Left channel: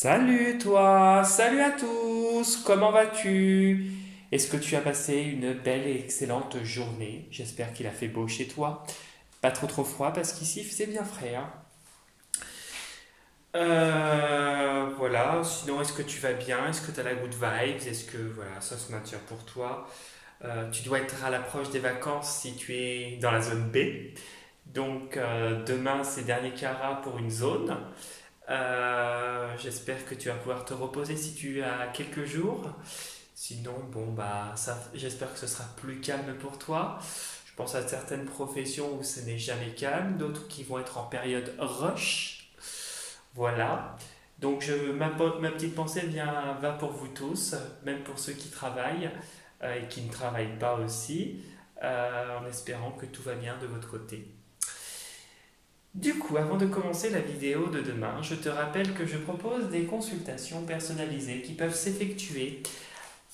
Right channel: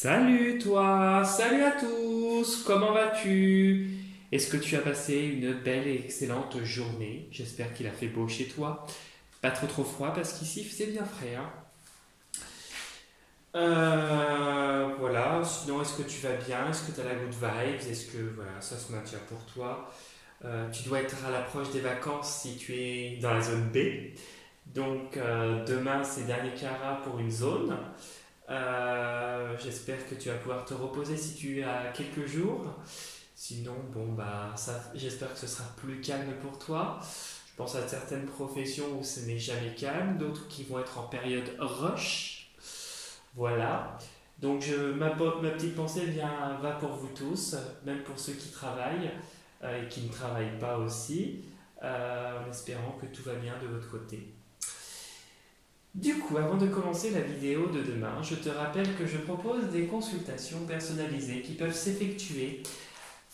Salut toi, salut à tous, comment vas-tu? Est-ce que tu as passé une belle et excellente journée? J'espère qu'il a fait beau chez toi. Pas trop froid parce qu'ici c'est bien frais, hein. Voilà, sinon est-ce que tu vas bien? Est-ce que tu as la good vibes? Est-ce que voilà, ça se maintient pour toi? Tu dois être à l'approche des vacances si tu es dans la zone B. Donc demain c'est dernier carat pour une zone. J'espère que tu vas pouvoir te reposer si tu as quelques jours. Sinon, bon, bah, ça, j'espère que ce sera plus calme pour toi. Je pense à certaines professions où ce n'est jamais calme, d'autres qui vont être en période rush. Voilà. Donc, ma petite pensée va pour vous tous, même pour ceux qui travaillent et qui ne travaillent pas aussi, en espérant que tout va bien de votre côté. Du coup, avant de commencer la vidéo de demain, je te rappelle que je propose des consultations personnalisées qui peuvent s'effectuer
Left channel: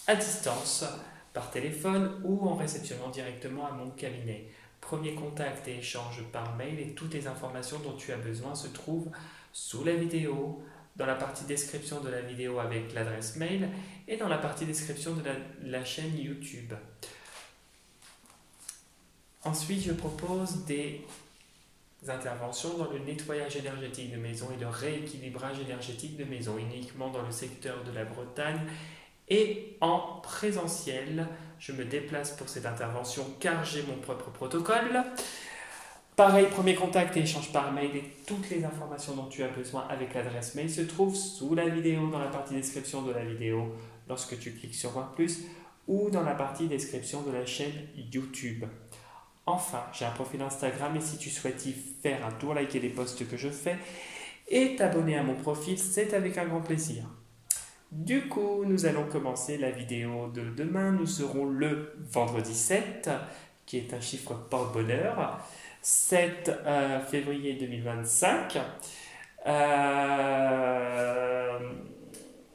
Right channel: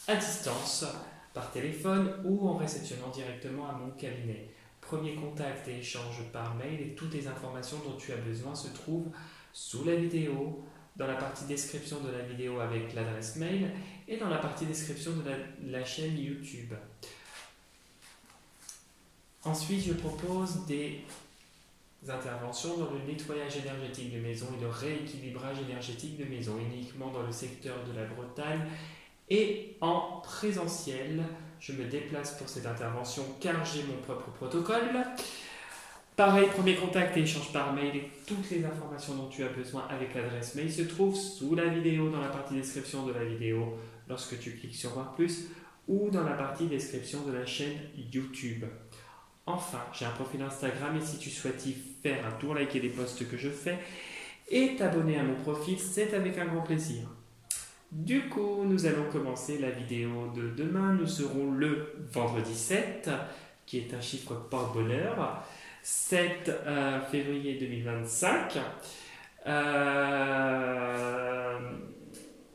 à distance, par téléphone ou en réceptionnant directement à mon cabinet. Premier contact et échange par mail et toutes les informations dont tu as besoin se trouvent sous la vidéo, dans la partie description de la vidéo avec l'adresse mail et dans la partie description de la chaîne YouTube. Ensuite, je propose des interventions dans le nettoyage énergétique de maison et le rééquilibrage énergétique de maison, uniquement dans le secteur de la Bretagne et en présentiel. Je me déplace pour cette intervention car j'ai mon propre protocole. Pareil, premier contact et échange par mail et toutes les informations dont tu as besoin avec l'adresse mail se trouvent sous la vidéo, dans la partie description de la vidéo lorsque tu cliques sur voir plus ou dans la partie description de la chaîne YouTube. Enfin, j'ai un profil Instagram et si tu souhaites y faire un tour, liker les posts que je fais et t'abonner à mon profil, c'est avec un grand plaisir. Du coup, nous allons commencer la vidéo de demain. Nous serons le vendredi 7, qui est un chiffre porte-bonheur, 7 février 2025.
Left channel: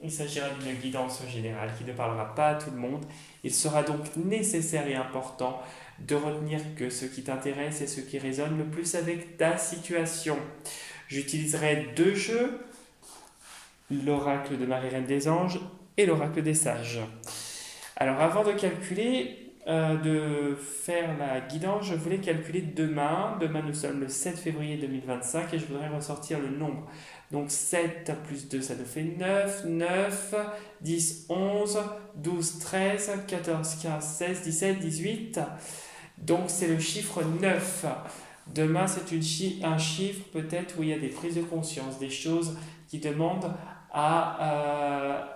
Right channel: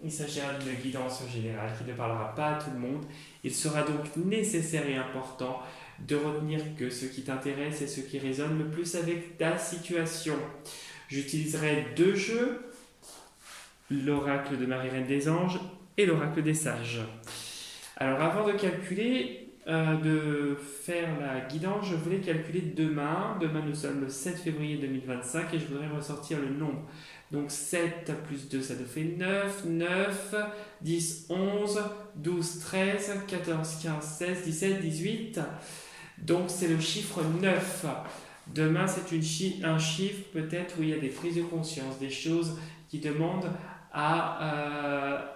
Il s'agira d'une guidance générale qui ne parlera pas à tout le monde. Il sera donc nécessaire et important de retenir que ce qui t'intéresse est ce qui résonne le plus avec ta situation. J'utiliserai deux jeux, l'oracle de Marie-Reine des Anges et l'oracle des Sages. Alors avant de calculer, de faire la guidance, je voulais calculer demain. Demain nous sommes le 7 février 2025 et je voudrais ressortir le nombre. Donc 7 plus 2 ça nous fait 9, 9, 10, 11, 12, 13, 14, 15, 16, 17, 18. Donc c'est le chiffre 9. Demain c'est un chiffre peut-être où il y a des prises de conscience, des choses qui demandent à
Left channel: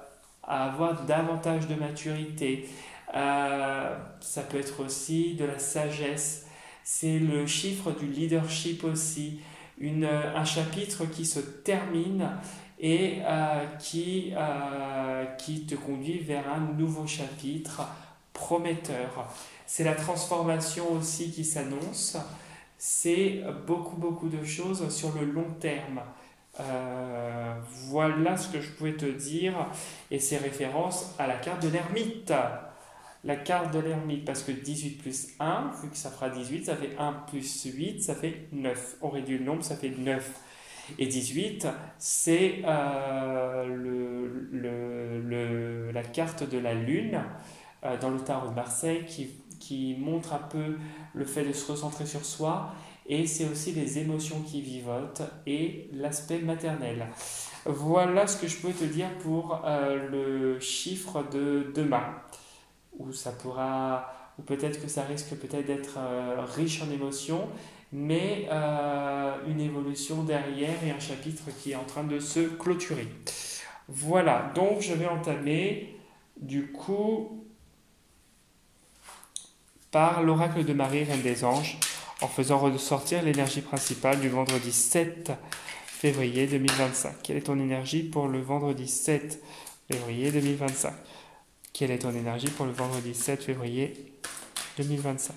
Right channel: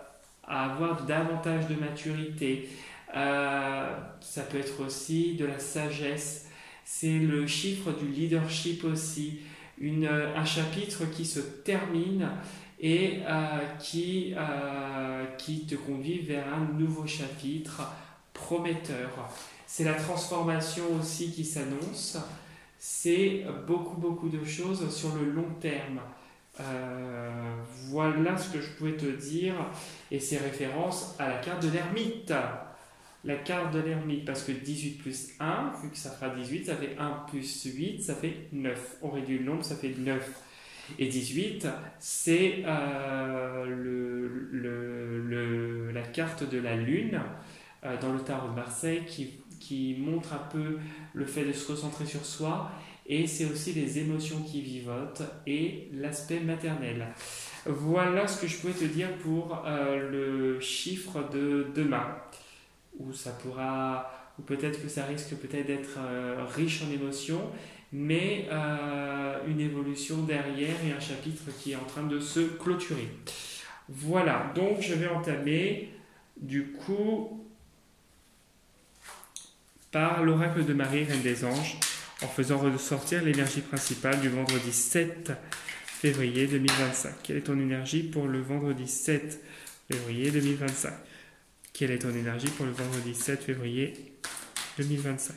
avoir davantage de maturité. Ça peut être aussi de la sagesse. C'est le chiffre du leadership aussi. Un chapitre qui se termine et qui te conduit vers un nouveau chapitre prometteur. C'est la transformation aussi qui s'annonce. C'est beaucoup de choses sur le long terme. Voilà ce que je pouvais te dire et c'est référence à la carte de l'ermite. La carte de l'ermite, parce que 18 plus 1, vu que ça fera 18, ça fait 1 plus 8, ça fait 9. On réduit le nombre, ça fait 9. Et 18, c'est la carte de la lune dans le tarot de Marseille qui montre un peu le fait de se recentrer sur soi. Et c'est aussi les émotions qui vivotent et l'aspect maternel. Voilà ce que je pouvais te dire pour le chiffre de demain. Ou peut-être que ça risque peut-être d'être riche en émotions, mais une évolution derrière et un chapitre qui est en train de se clôturer. Voilà, donc je vais entamer du coup par l'oracle de Marie, Reine des Anges, en faisant ressortir l'énergie principale du vendredi 7 février 2025. Quelle est ton énergie pour le vendredi 7 février 2025? Quelle est ton énergie pour le vendredi 7 février 2025?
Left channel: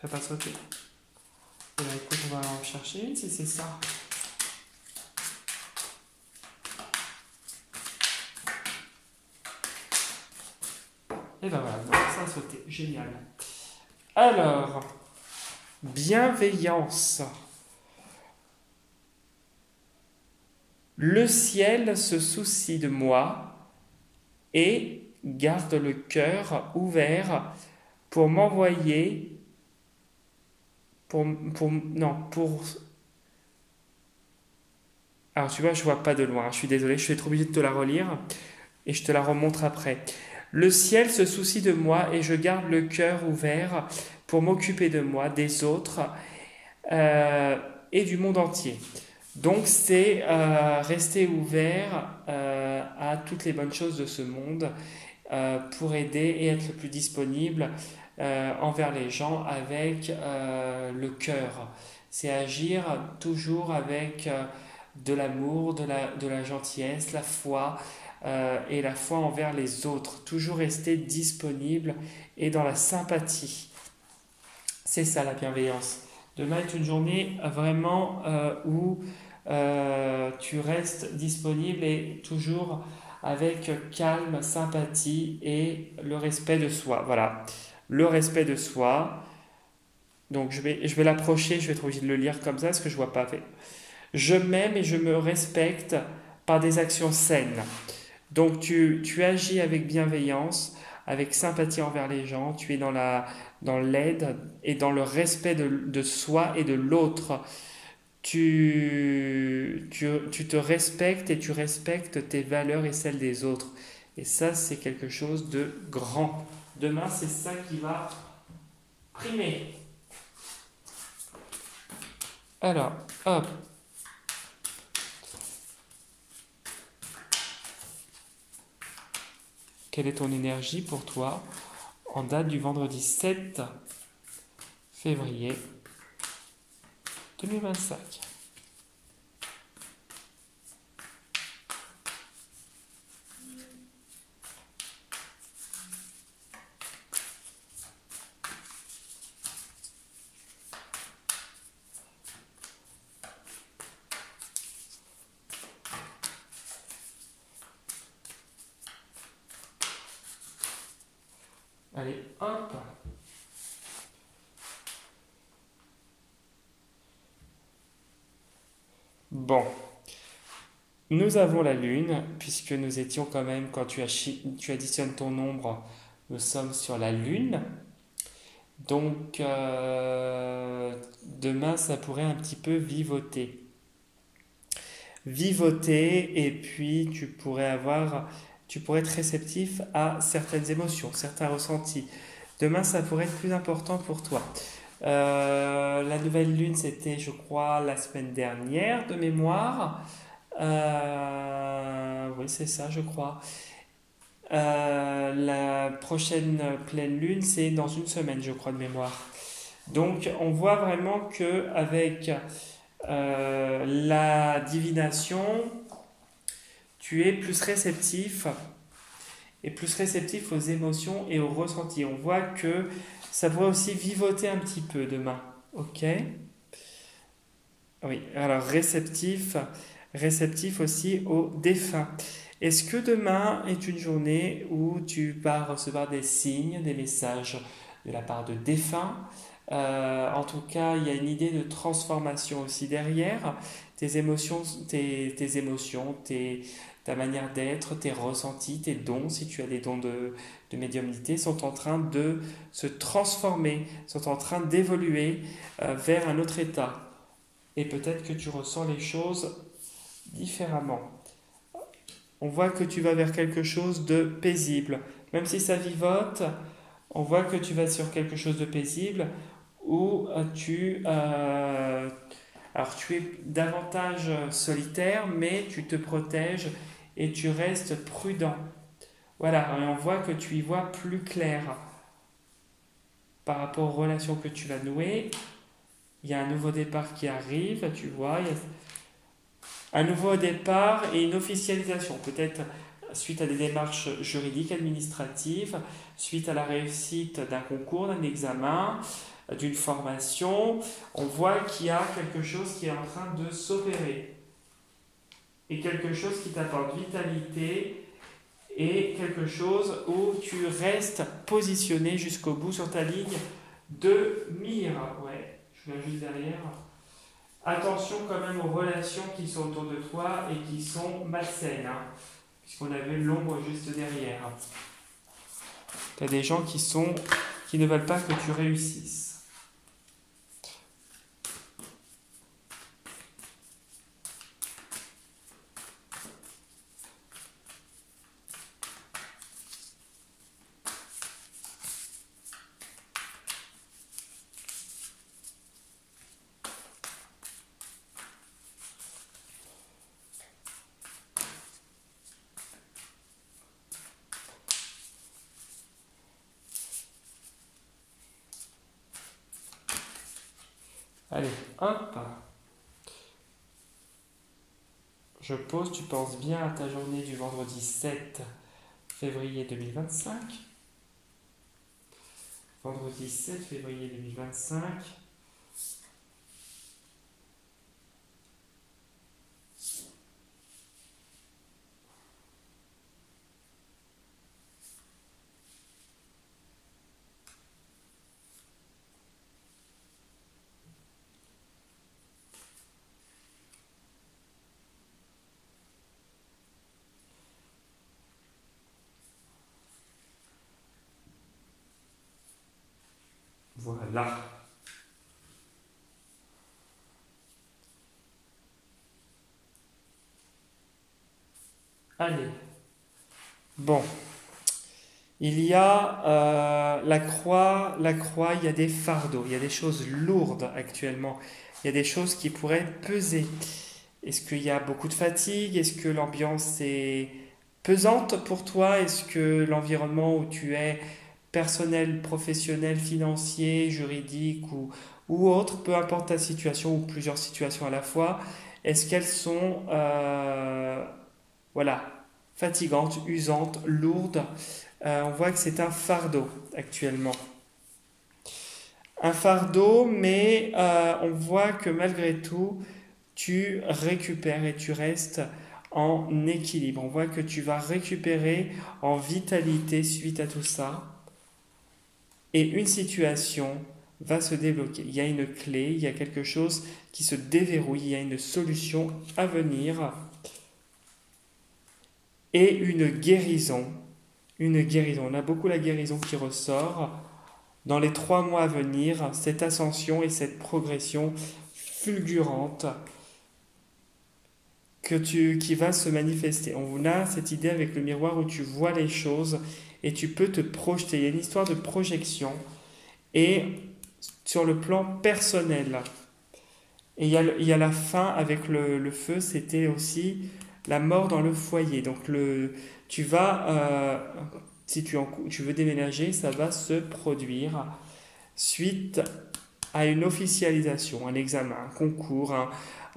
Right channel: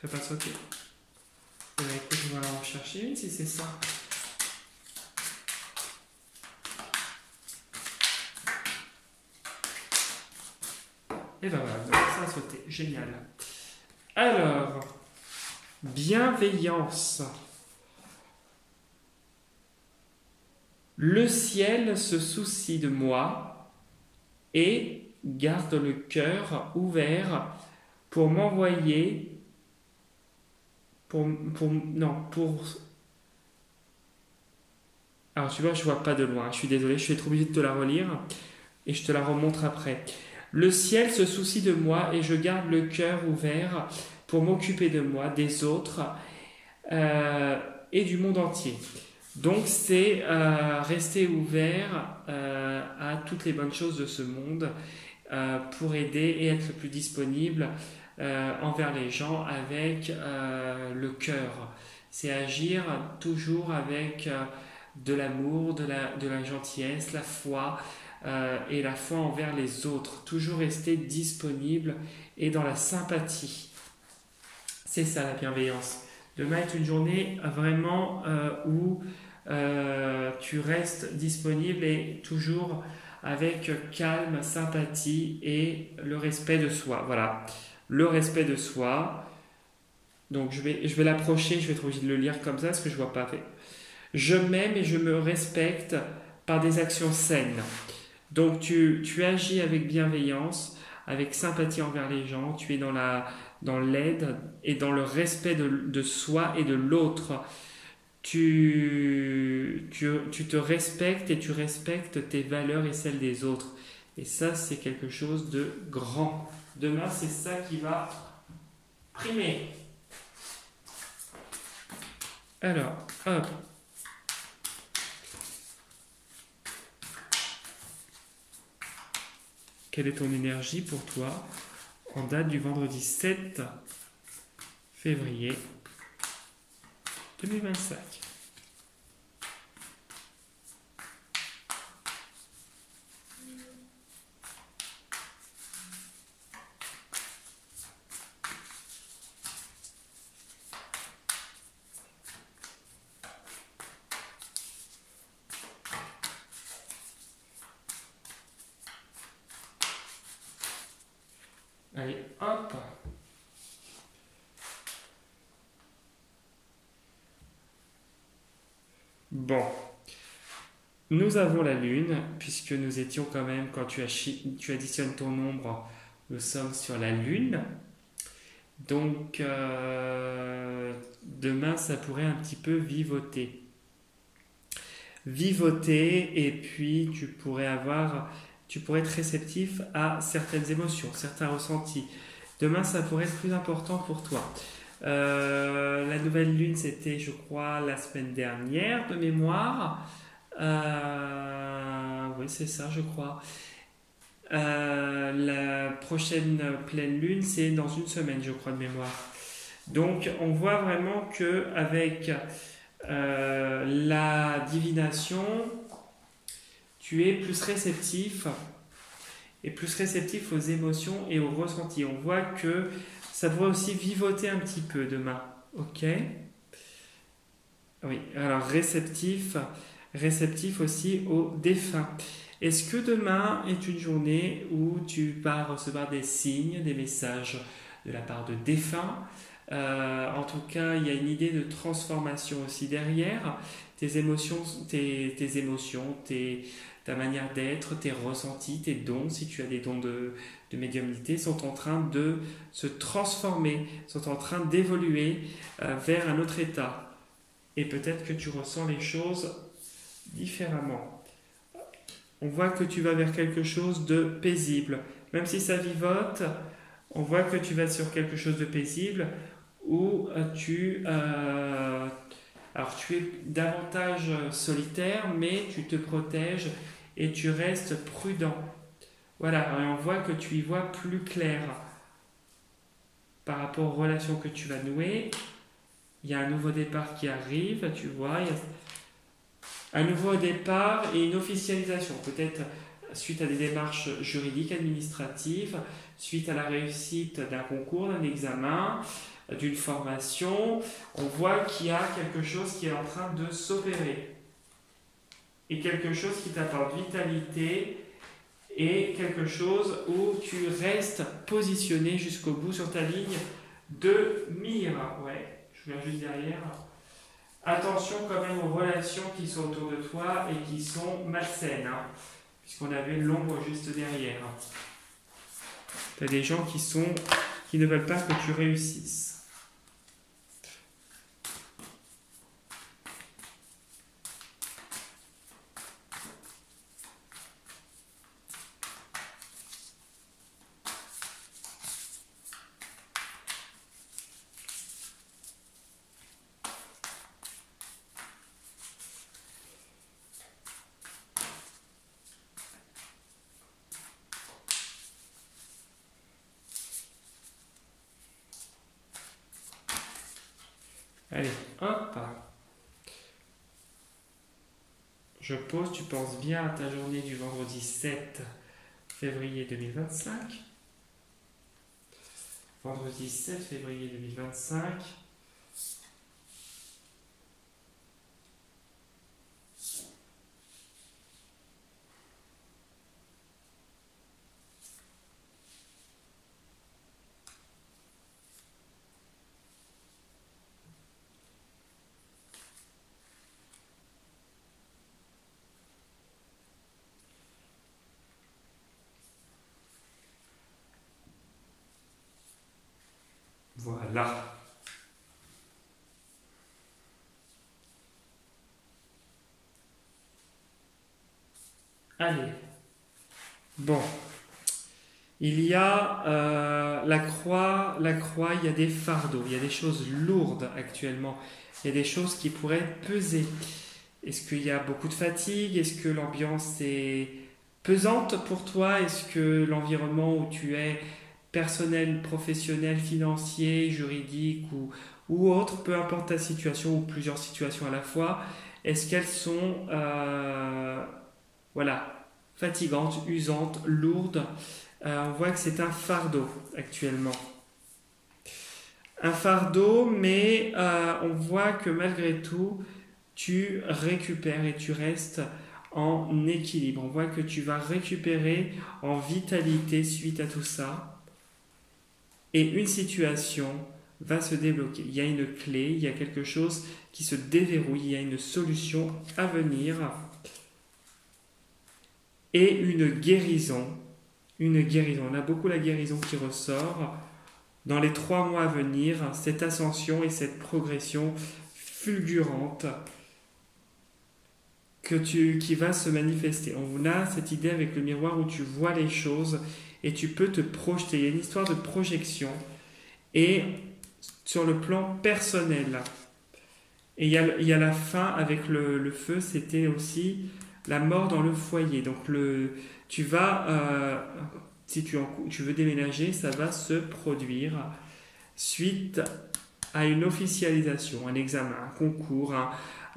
Ça va pas sauter. Et là, écoute, on va en chercher une si c'est ça. Et ben voilà, donc ça a sauté. Génial. Alors, bienveillance. Le ciel se soucie de moi et garde le cœur ouvert pour m'envoyer alors tu vois, je vois pas de loin, je suis désolé, je suis trop obligé de te la relire et je te la remontre après. Le ciel se soucie de moi et je garde le cœur ouvert pour m'occuper de moi, des autres et du monde entier. Donc c'est rester ouvert à toutes les bonnes choses de ce monde pour aider et être le plus disponible envers les gens avec le cœur. C'est agir toujours avec de l'amour, de la gentillesse, la foi et la foi envers les autres. Toujours rester disponible et dans la sympathie. C'est ça la bienveillance. Demain est une journée vraiment où tu restes disponible et toujours avec calme, sympathie et le respect de soi. Voilà, le respect de soi. Donc je vais l'approcher, je vais être obligé de le lire comme ça parce que je ne vois pas. Je m'aime et je me respecte par des actions saines. Donc tu agis avec bienveillance, avec sympathie envers les gens, tu es dans l'aide et dans le respect de soi et de l'autre. Tu te respectes et tu respectes tes valeurs et celles des autres. Et ça, c'est quelque chose de grand. Demain, c'est ça qui va primer. Alors, hop. Quelle est ton énergie pour toi en date du vendredi 7 février 2025? Allez, hop. Bon. Nous avons la Lune, puisque nous étions quand même, quand tu additionnes ton nombre, nous sommes sur la Lune. Donc, demain, ça pourrait un petit peu vivoter. Vivoter, et puis tu pourrais être réceptif à certaines émotions, certains ressentis. Demain, ça pourrait être plus important pour toi. La nouvelle lune, c'était, je crois, la semaine dernière de mémoire. Oui, c'est ça, je crois. La prochaine pleine lune, c'est dans une semaine, je crois, de mémoire. Donc, on voit vraiment que avec la divination, tu es plus réceptif aux émotions et aux ressentis. On voit que ça pourrait aussi vivoter un petit peu demain. Ok? Oui, alors réceptif aussi aux défunts. Est-ce que demain est une journée où tu vas recevoir des signes, des messages de la part de défunts? En tout cas, il y a une idée de transformation aussi derrière. Tes émotions, ta manière d'être, tes ressentis, tes dons, si tu as des dons de médiumnité, sont en train de se transformer, sont en train d'évoluer vers un autre état. Et peut-être que tu ressens les choses différemment. On voit que tu vas vers quelque chose de paisible. Même si ça vivote, on voit que tu vas sur quelque chose de paisible où tu es davantage solitaire, mais tu te protèges et tu restes prudent. Voilà, et on voit que tu y vois plus clair par rapport aux relations que tu vas nouer. Il y a un nouveau départ qui arrive, tu vois. Il y a un nouveau départ et une officialisation, peut-être suite à des démarches juridiques, administratives, suite à la réussite d'un concours, d'un examen, d'une formation. On voit qu'il y a quelque chose qui est en train de s'opérer. Et quelque chose qui t'apporte vitalité et quelque chose où tu restes positionné jusqu'au bout sur ta ligne de mire. Ouais, je viens juste derrière. Attention quand même aux relations qui sont autour de toi et qui sont malsaines, hein, puisqu'on avait l'ombre juste derrière. Tu as des gens qui ne veulent pas que tu réussisses. Allez, hop. Je pose, tu penses bien à ta journée du vendredi 7 février 2025. Vendredi 7 février 2025. Voilà. Allez. Bon. Il y a la croix, il y a des fardeaux, il y a des choses lourdes actuellement. Il y a des choses qui pourraient peser. Est-ce qu'il y a beaucoup de fatigue? Est-ce que l'ambiance est pesante pour toi? Est-ce que l'environnement où tu es, personnel, professionnel, financier, juridique ou autre, peu importe ta situation ou plusieurs situations à la fois, est-ce qu'elles sont voilà, fatigantes, usantes, lourdes? On voit que c'est un fardeau actuellement. Un fardeau, mais on voit que malgré tout, tu récupères et tu restes en équilibre. On voit que tu vas récupérer en vitalité suite à tout ça. Et une situation va se débloquer. Il y a une clé, il y a quelque chose qui se déverrouille, il y a une solution à venir. Et une guérison. Une guérison. On a beaucoup la guérison qui ressort. Dans les 3 mois à venir, cette ascension et cette progression fulgurante qui va se manifester. On a cette idée avec le miroir où tu vois les choses et tu peux te projeter. Il y a une histoire de projection. Et sur le plan personnel, et il y a la fin avec le feu, c'était aussi la mort dans le foyer. Donc tu vas, si tu veux déménager, ça va se produire suite à une officialisation, un examen, un concours,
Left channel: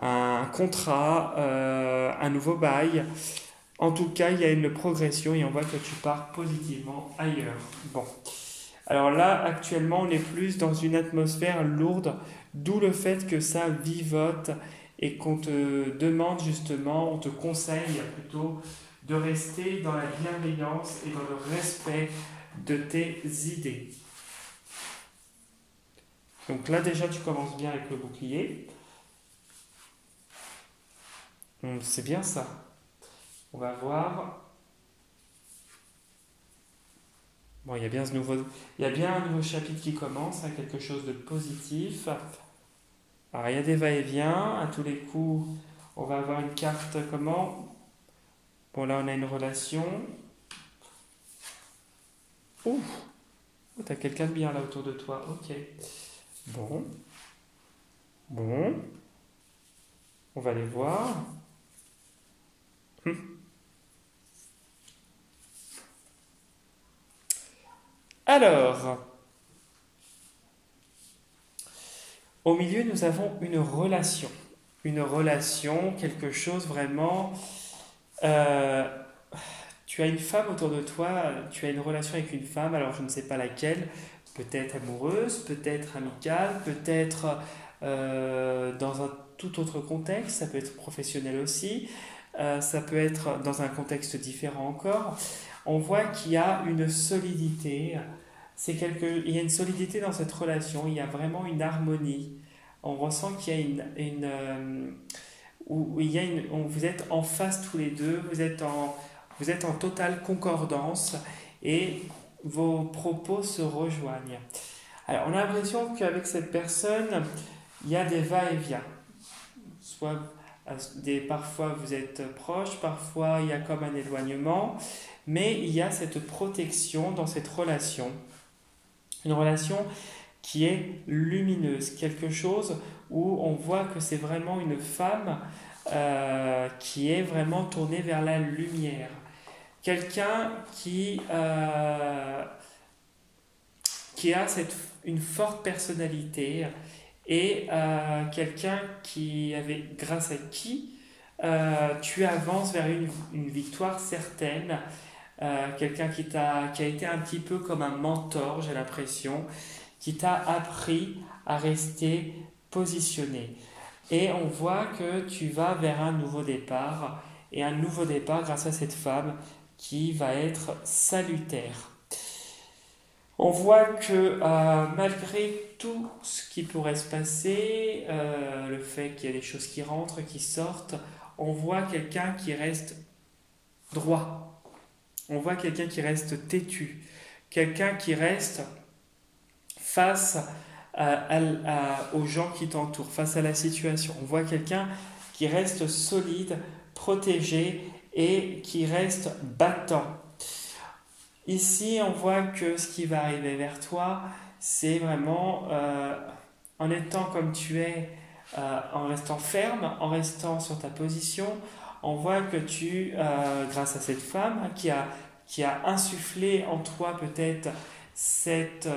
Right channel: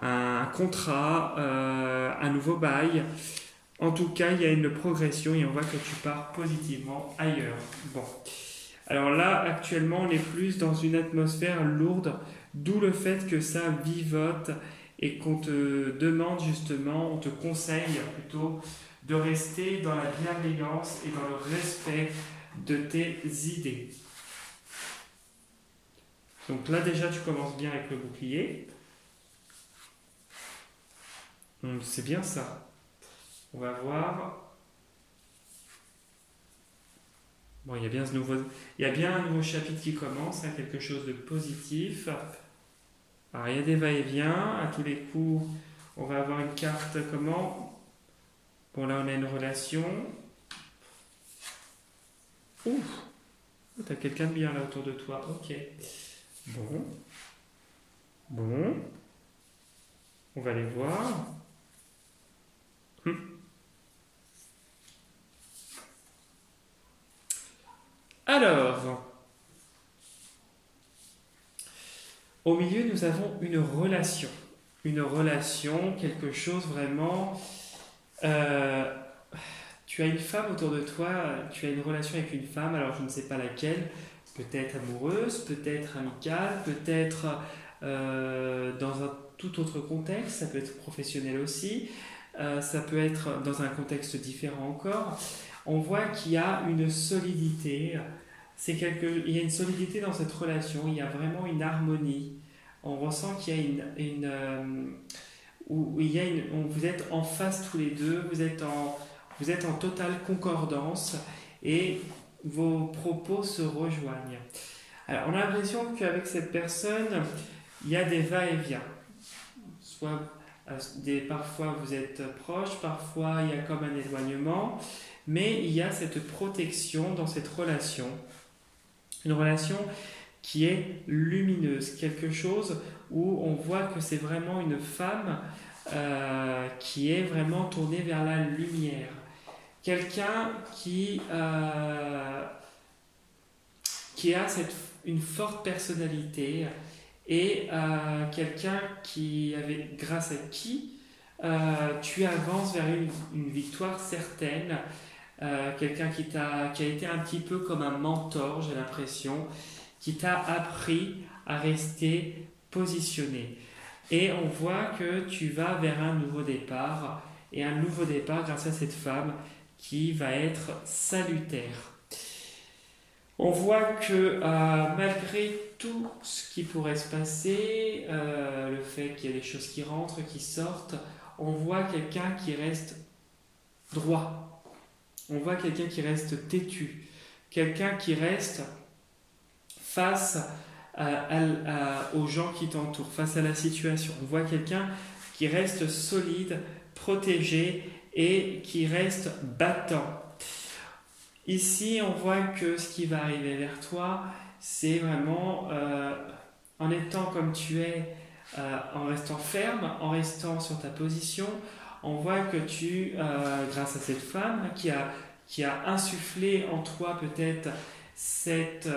un contrat, un nouveau bail. En tout cas, il y a une progression et on voit que tu pars positivement ailleurs. Bon. Alors là, actuellement, on est plus dans une atmosphère lourde, d'où le fait que ça vivote et qu'on te demande justement, on te conseille plutôt de rester dans la bienveillance et dans le respect de tes idées. Donc là, déjà, tu commences bien avec le bouclier. C'est bien ça. On va voir. Bon, il y a bien un nouveau chapitre qui commence, hein, quelque chose de positif. Alors, il y a des va-et-vient. À tous les coups, on va avoir une carte comment? Bon, là, on a une relation. Ouh, t'as quelqu'un de bien là autour de toi. Ok. Bon. On va les voir. Alors, au milieu, nous avons une relation. Une relation, quelque chose vraiment... tu as une femme autour de toi, tu as une relation avec une femme, alors je ne sais pas laquelle, peut-être amoureuse, peut-être amicale, peut-être dans un tout autre contexte, ça peut être professionnel aussi, ça peut être dans un contexte différent encore. on voit qu'il y a une solidité. Il y a une solidité dans cette relation, il y a vraiment une harmonie. On ressent qu'il y a vous êtes en phase tous les deux, vous êtes en totale concordance et vos propos se rejoignent. Alors, on a l'impression qu'avec cette personne, il y a des va-et-vient. Parfois vous êtes proches, parfois il y a comme un éloignement, mais il y a cette protection dans cette relation. Une relation qui est lumineuse, quelque chose où on voit que c'est vraiment une femme qui est vraiment tournée vers la lumière. Quelqu'un qui a une forte personnalité et quelqu'un grâce à qui tu avances vers une victoire certaine. Quelqu'un qui a été un petit peu comme un mentor, j'ai l'impression, qui t'a appris à rester positionné. Et on voit que tu vas vers un nouveau départ, et un nouveau départ grâce à cette femme qui va être salutaire. On voit que malgré tout ce qui pourrait se passer, le fait qu'il y a des choses qui rentrent, qui sortent, on voit quelqu'un qui reste droit. On voit quelqu'un qui reste têtu, quelqu'un qui reste face aux gens qui t'entourent, face à la situation. On voit quelqu'un qui reste solide, protégé et qui reste battant. Ici, on voit que ce qui va arriver vers toi, c'est vraiment en étant comme tu es, en restant ferme, en restant sur ta position. On voit que grâce à cette femme qui a insufflé en toi peut-être cette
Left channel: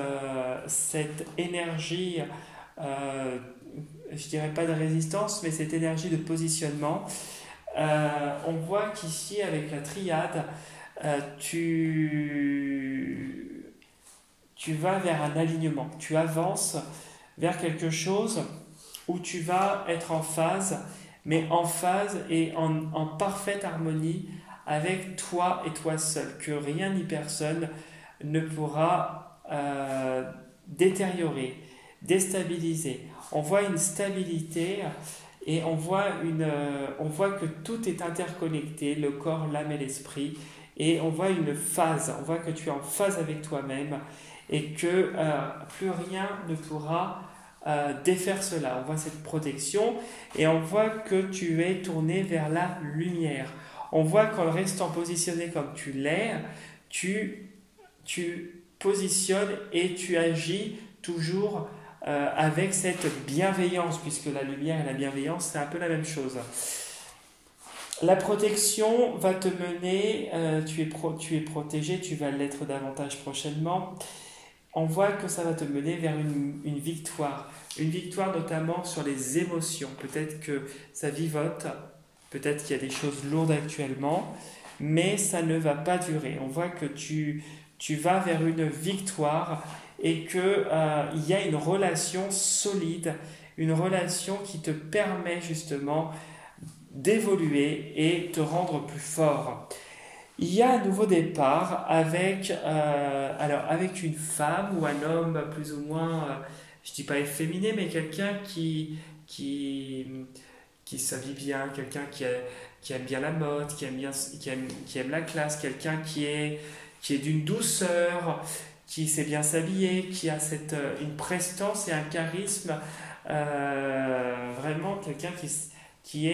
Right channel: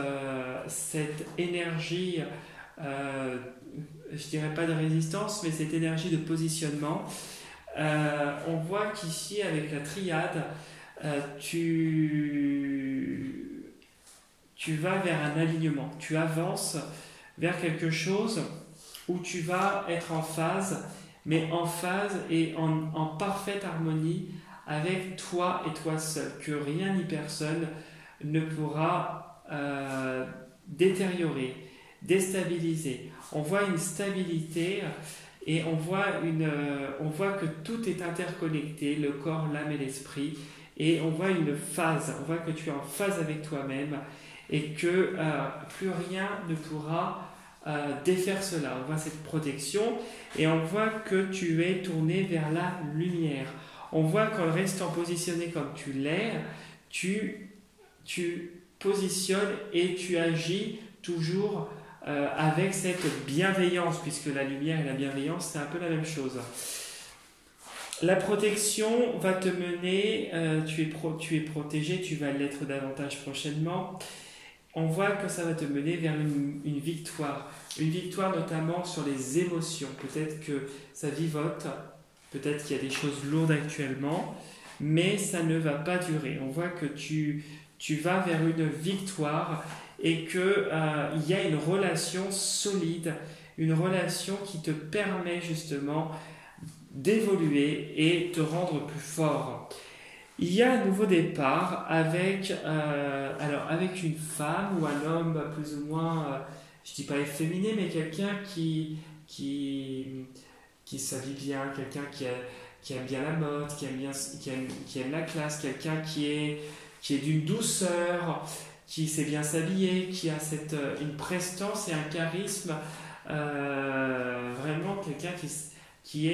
énergie, je dirais pas de résistance, mais cette énergie de positionnement. On voit qu'ici, avec la triade, tu vas vers un alignement, tu avances vers quelque chose où tu vas être en phase, mais en phase et en parfaite harmonie avec toi et toi seul, que rien ni personne ne pourra détériorer, déstabiliser. On voit une stabilité et on voit que tout est interconnecté, le corps, l'âme et l'esprit, et on voit une phase, on voit que tu es en phase avec toi-même et que plus rien ne pourra défaire cela. On voit cette protection et on voit que tu es tourné vers la lumière. On voit qu'en restant positionné comme tu l'es, tu positionnes et tu agis toujours avec cette bienveillance, puisque la lumière et la bienveillance, c'est un peu la même chose. La protection va te mener, tu es protégé, tu vas l'être davantage prochainement. On voit que ça va te mener vers une victoire notamment sur les émotions. Peut-être que ça vivote, peut-être qu'il y a des choses lourdes actuellement, mais ça ne va pas durer. On voit que tu vas vers une victoire et qu'il y a une relation solide, une relation qui te permet justement d'évoluer et te rendre plus fort. Il y a un nouveau départ avec une femme ou un homme plus ou moins, je ne dis pas efféminé, mais quelqu'un qui s'habille bien, quelqu'un qui aime bien la mode, qui aime la classe, quelqu'un qui est d'une douceur, qui sait bien s'habiller, qui a une prestance et un charisme, vraiment quelqu'un qui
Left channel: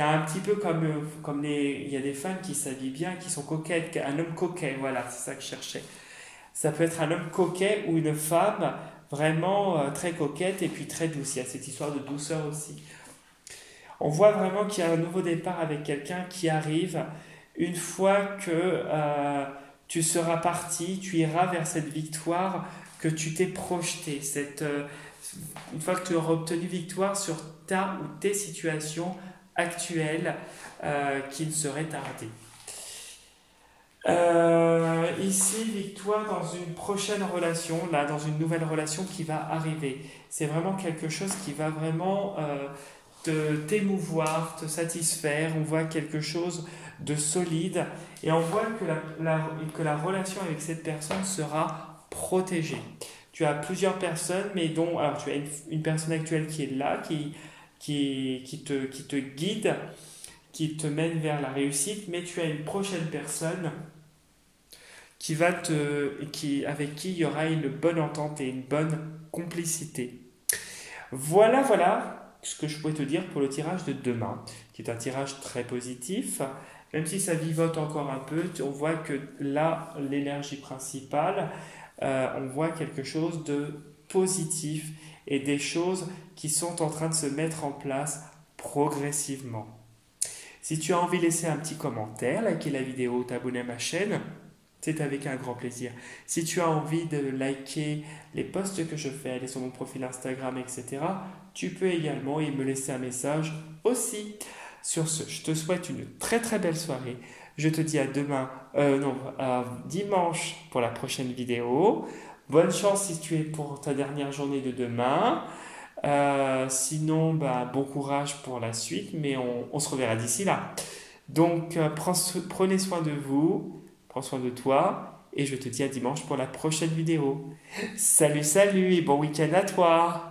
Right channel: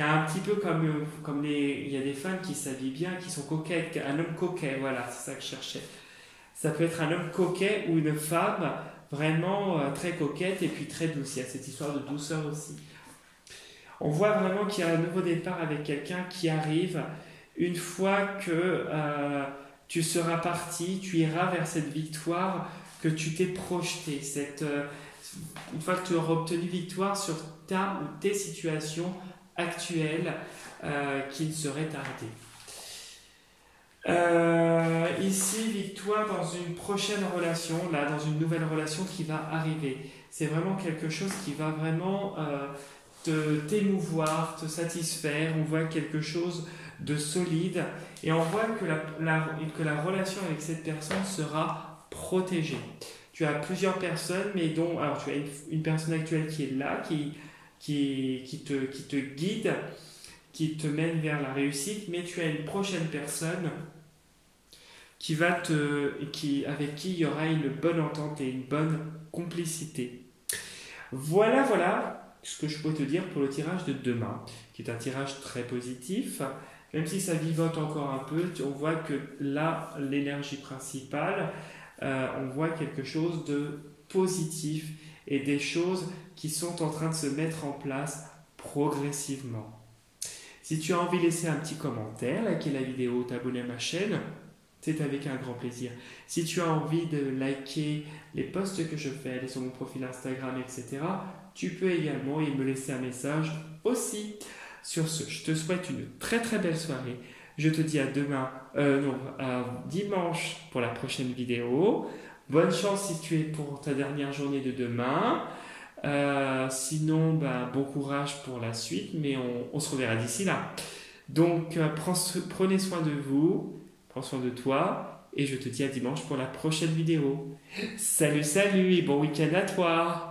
a un petit peu comme il y a des femmes qui s'habillent bien, qui sont coquettes, un homme coquet, voilà, c'est ça que je cherchais. Ça peut être un homme coquet ou une femme vraiment très coquette et puis très douce. Il y a cette histoire de douceur aussi. On voit vraiment qu'il y a un nouveau départ avec quelqu'un qui arrive une fois que tu seras parti, tu iras vers cette victoire que tu t'es projeté. Une fois que tu auras obtenu victoire sur ta ou tes situations actuelles qui ne seraient tardées. Ici, victoire dans une prochaine relation, dans une nouvelle relation qui va arriver. C'est vraiment quelque chose qui va vraiment t'émouvoir, te satisfaire, on voit quelque chose de solide et on voit que la relation avec cette personne sera protégée. Tu as plusieurs personnes, mais dont, alors tu as une personne actuelle qui est là, qui te guide, qui te mène vers la réussite, mais tu as une prochaine personne avec qui il y aura une bonne entente et une bonne complicité. Voilà ce que je peux te dire pour le tirage de demain, qui est un tirage très positif. Même si ça vivote encore un peu, on voit que là, l'énergie principale, on voit quelque chose de positif et des choses qui sont en train de se mettre en place progressivement. Si tu as envie de laisser un petit commentaire, liker la vidéo, t'abonner à ma chaîne, c'est avec un grand plaisir. Si tu as envie de liker les posts que je fais, aller sur mon profil Instagram, etc., tu peux également me laisser un message aussi. Sur ce, je te souhaite une très très belle soirée. Je te dis à dimanche pour la prochaine vidéo. Bonne chance si tu es pour ta dernière journée de demain. Sinon, bon courage pour la suite, mais on se reverra d'ici là. Donc, prenez soin de vous, prends soin de toi, et je te dis à dimanche pour la prochaine vidéo. Salut et bon week-end à toi!